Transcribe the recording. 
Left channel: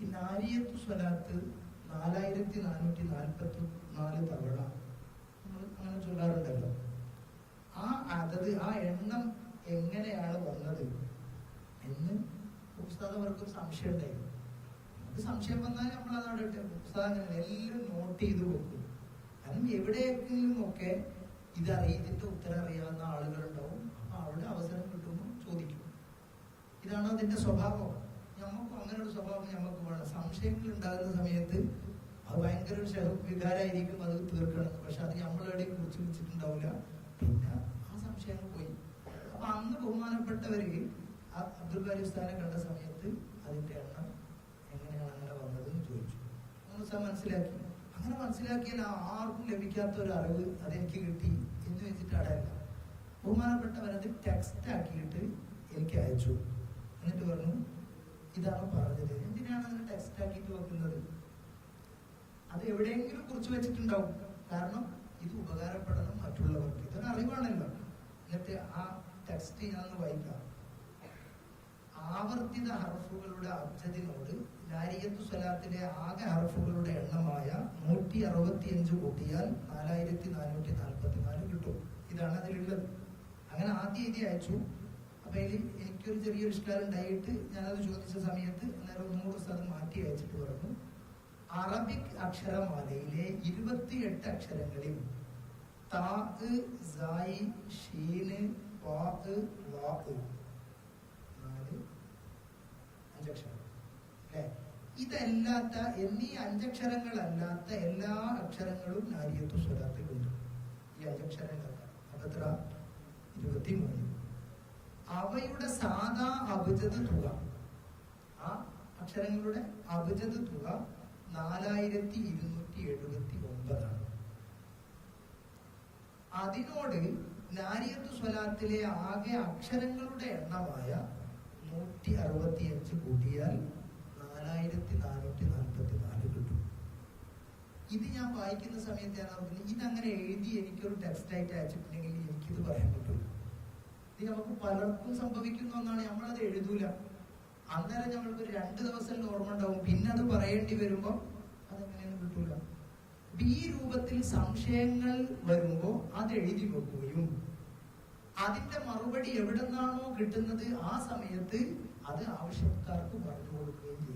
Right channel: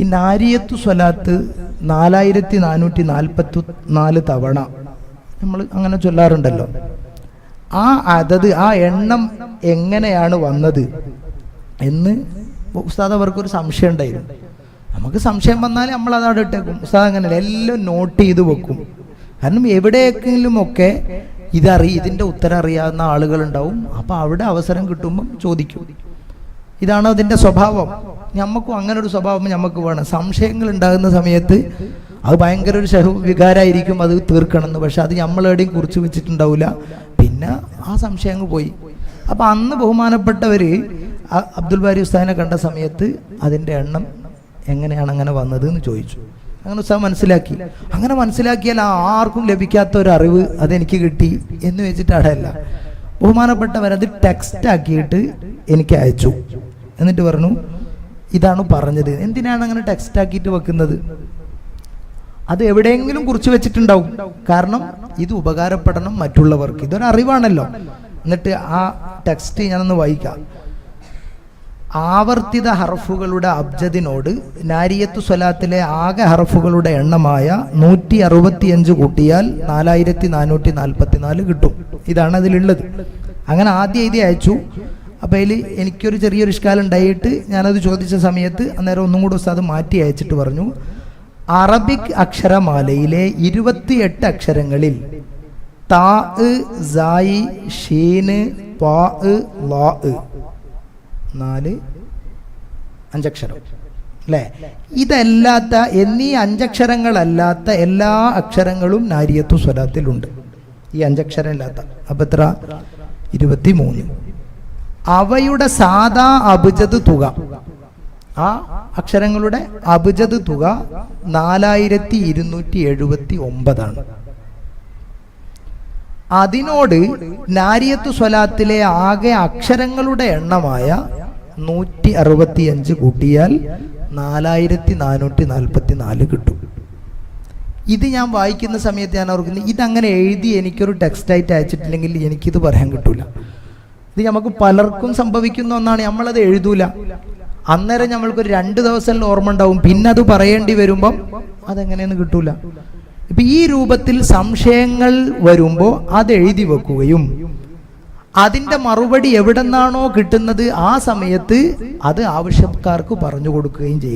ഈ നാരിയത്തു സ്വലാത്ത് 4444 തവണ നമ്മൾ അങ്ങനെ ചൊല്ലാറുണ്ടല്ലോ. ആ എണ്ണം എങ്ങനെയാണ് വന്നത് എന്ന് ഉസ്താദ് അവർക്കൊരു സംശയം ഉണ്ടായിരുന്നു. നമുക്ക് സംശയം വന്നാൽ നമ്മൾ അതവിടെ ഇട്ടേക്കും. ഉസ്താദ് അങ്ങനെയല്ല, എല്ലാം നോട്ട് ചെയ്ത് വെക്കും. കാരണം എവിടെയെങ്കിലുമൊക്കെ ഇതിൻ്റെ ഉത്തരം അറിയാവുന്ന ആളുകളുണ്ടാവും. അപ്പോൾ അവിടെ അവസരം കിട്ടുമ്പം ചോദിക്കും. ഇതാണ് അതിൻ്റെ സ്വഭാവം. നമുക്കും അങ്ങനെ ഒരു സ്വഭാവം നമുക്ക് വേണം. സംശയങ്ങൾ ഉണ്ടാകുന്ന സമയത്ത് അത് ഭയങ്കര ഒരു വികാരമായിരിക്കും, അത് തീർക്കണമെന്ന്. പക്ഷെ അത് നമ്മളെവിടെയും കുറിച്ച് വെച്ചിട്ടുണ്ടാവില്ല. പിന്നെ ആ സംശയം അങ്ങ് പോയി. അപ്പം അന്ന് ബഹുമാനപ്പെട്ടവർ അബ്ദുൽ ബാരി ഉസ്താദിനെ കണ്ട സമയത്ത് അതിൻ്റെ എണ്ണം എങ്ങനെയാണ് അങ്ങനെ വന്നത് എന്ന് ചോദിച്ചു. അങ്ങനെ ഉസ്താദ് മനസ്സിലാക്കി. അങ്ങനെ മനസ്സിലാക്കിയാൽ ആർക്കും ലഭിക്കാത്ത ഒരു അറിവ് അതെനിക്ക് കിട്ടി എന്ന് വെച്ചിട്ടല്ല. ബഹുമാനപ്പെട്ടവരത് ടെക്സ്റ്റ് ആക്കിയിട്ട് എനിക്ക് അയച്ചു. എന്നിട്ട് പറഞ്ഞു, ഇതാണ് പറഞ്ഞത്. എന്തിനാണ് അങ്ങനെ ടെക്സ്റ്റ് ആക്കിയിട്ട് വെക്കുന്നത്? അത് എവിടെയെങ്കിലും കുറിച്ച് വെച്ചിട്ടുണ്ടാവും. കാരണം ഇത് ഉപകാരപ്പെടണം മറ്റുള്ളവർക്ക്. ഇതൊരു അറിവാണല്ലോ. എന്നിട്ട് ആ ടെക്സ്റ്റ് ഞാനൊന്ന് വായിക്കാം. ആവർത്തിത ഹർഫുകളുടെ അബ്ജദിനോട് നാരിയത്തു സ്വലാത്തിലെ ആകെ ഹർഫുകളുടെ എണ്ണമായ 165 കൂട്ടിയാൽ 4444 കിട്ടും. ഇതാണ് അതിലുള്ളത്. അങ്ങനെ ആദ്യം എഴുതി അയച്ചു. അപ്പോൾ അതിൽ എനിക്കൊരു ചെറിയൊരു ഇഷ്കാലം ഉണ്ടായിട്ട് ഞാനത് ചോദിച്ച സമയത്ത് അന്നേരം ഒന്നും കൂടി ഉസ്താദ് മാറ്റി അയച്ചിട്ട് പറഞ്ഞു, അറബിക് അക്ഷരമാലയിലെ 28 അക്ഷരങ്ങളിൽ താ, സായി, ഷീന്, പാ, ലാ 5 അക്ഷരം അല്ലേ? ഇതല്ലാത്ത എന്നീ 5 അക്ഷരങ്ങളല്ലാത്ത എല്ലാ അക്ഷരങ്ങളും നാരിയത്തു സ്വലാത്തിലുണ്ട്. ഈ 5 അക്ഷരം ഇല്ലാത്ത. അപ്പം എത്ര? 23. അവയുടെ സാധാ അബ്ജദ് തുക, ആ അക്ഷരങ്ങളുടെ അബ്ജദ് തുക 4279 അതിനോട് നാരിയത്തു സ്വലാത്തിലെ ആകെ അക്ഷരങ്ങളുടെ എണ്ണമായ 165 കൂട്ടിയാൽ 4444 കിട്ടും. ഇത് ഞാൻ വായിക്കുന്ന സമയത്ത് ഞാൻ ഓർക്കുന്നത്, ഇതങ്ങനെ എഴുതി എനിക്കൊരു ടെക്സ്റ്റായിട്ട് അയച്ചിട്ടില്ലെങ്കിൽ എനിക്കിത് പറയാൻ കിട്ടൂല. ഇത് നമുക്ക് പലർക്കും സംഭവിക്കുന്ന ഒന്നാണ്. നമ്മളത് എഴുതൂല. അന്നേരം നമ്മൾക്കൊരു 2 ദിവസം ഓർമ്മ ഉണ്ടാവും. പിന്നെ അത് പറയേണ്ടി വരുമ്പം അതെങ്ങനെയെന്ന് കിട്ടൂല. ഇപ്പൊ ഈ രൂപത്തിൽ സംശയങ്ങൾ വരുമ്പോൾ അത് എഴുതി വെക്കുകയും അതിൻ്റെ മറുപടി എവിടെന്നാണോ കിട്ടുന്നത് ആ സമയത്ത് അത് ആവശ്യക്കാർക്ക് പറഞ്ഞു കൊടുക്കുകയും ചെയ്യും.